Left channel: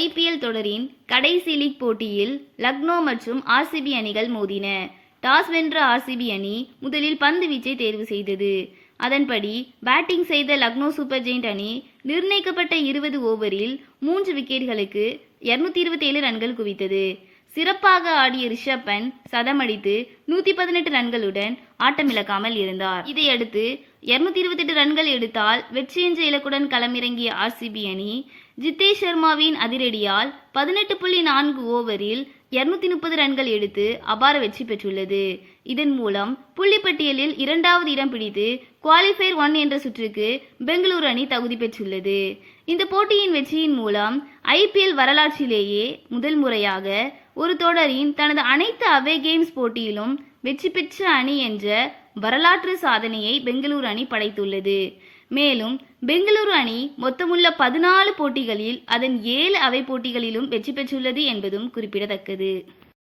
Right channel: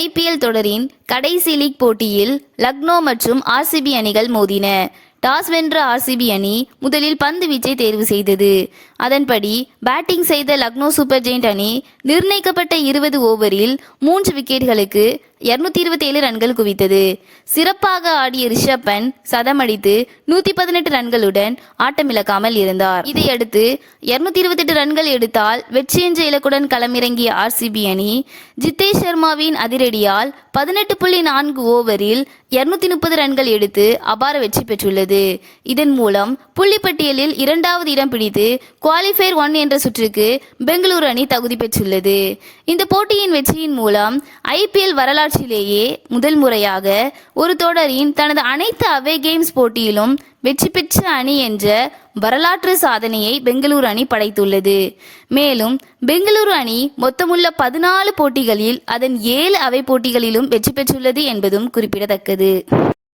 IPL தொடரின் கடைசி league போட்டியில் லக்னோ மற்றும் ஆர்சிபி அணிகள் மோதின. டாஸ் வென்ற ஆர்சிபி அணி முதலில் பந்து வீச்சை தேர்வு செய்தது. அதன்படி பேட்டிங் செய்த லக்னோ சூப்பர் ஜெயிண்ட் அணி நிர்ணயிக்கப்பட்ட 20 ஓவரில் 3 விக்கெட்டுகளுக்கு 227 ரன்கள் குவித்தது. சிறப்பாக ஆடிய ரிஷப் பண்ட் சதமடித்து 118 ரன்களுடன் ஆட்டமிழக்காமல் இருந்தார். இதையடுத்து 228 ரன்கள் எடுத்தால் வெற்றி என்ற இலக்குடன் களமிறங்கிய ஆர்சிபி அணி ஜித்தேஷ் சர்மாவின் அதிரடியால் 18.4 ஓவரில் 230 ரன்கள் எடுத்து அபார வெற்றி பெற்றுள்ளது. இதன் மூலம் புள்ளிப்பட்டியலில் 2வது இடம் பிடித்து குவாலிஃபயர் 1 என்ற சுற்றுக்கு பெங்களூரு அணி தகுதி பெற்றுள்ளது. இந்த போட்டியின் வெற்றியின் மூலம் ஐபிஎல் வரலாற்றிலேயே முதல் முறையாக ஒரு தொடரின் தனது அனைத்து அவே கேம்ஸ் போட்டியிலும் வெற்றி பெற்ற அணி என்ற வரலாற்று சாதனையை பெங்களூரு அணி படைத்துள்ளது. மேலும் பெங்களூரு அணி மொத்தமுள்ள 14 போட்டிகளில் அதன் 7 அவை போட்டிகளிலும் வெற்றி பெற்றுள்ளது என்பதும் குறிப்பிடத்தக்கது.